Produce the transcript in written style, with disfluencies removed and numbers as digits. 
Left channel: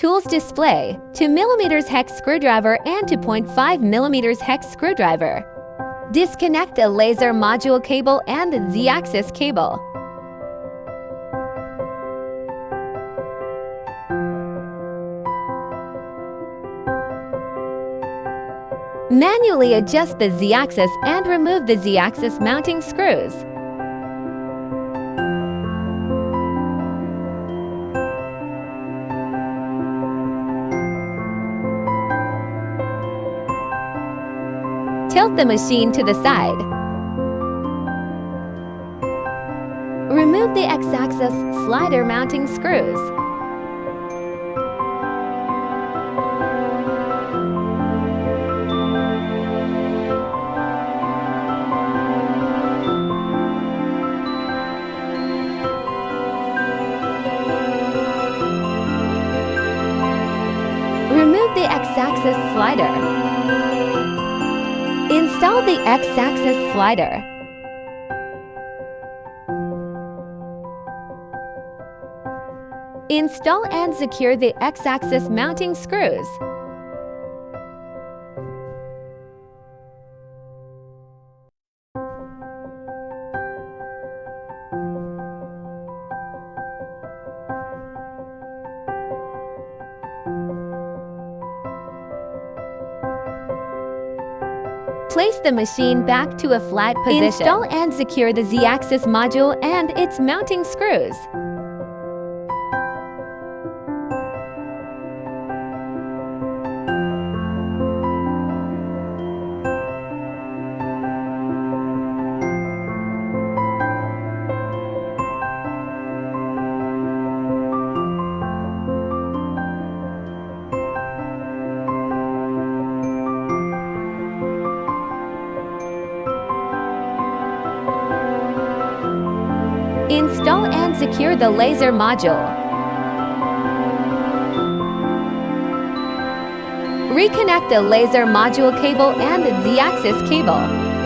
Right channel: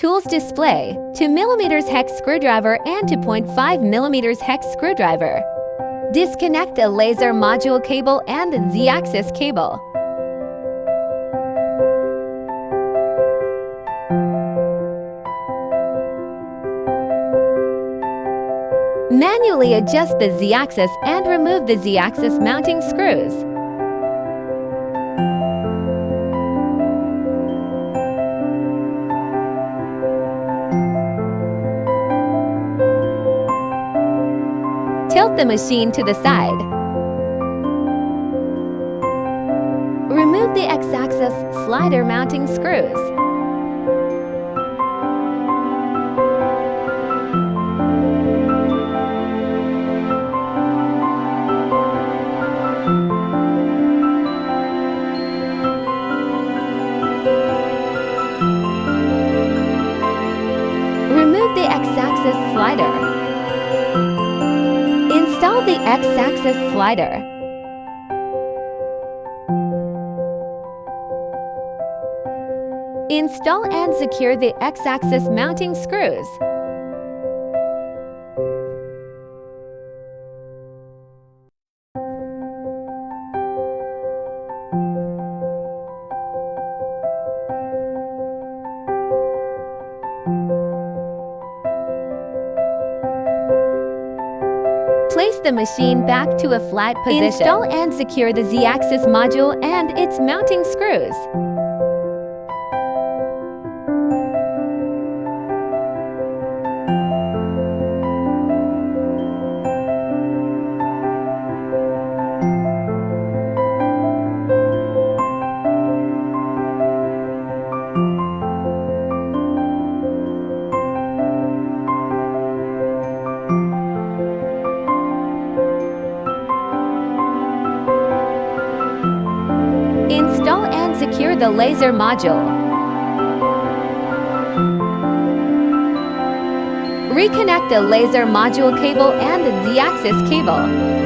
Tools display: 2mm hex screwdriver and 2.5mm hex screwdriver. Disconnect the laser module cable and the Z-axis cable. Manually adjust the Z-axis and remove the Z-axis mounting screws. Tilt the machine to the side. Remove the X-axis slider mounting screws. Remove the X-axis slider. Install the X-axis slider. Install and secure the X-axis mounting screws. Place the machine back to a flat position. Install and secure the Z-axis module and its mounting screws. Install and secure the laser module. Reconnect the laser module cable and the Z-axis cable.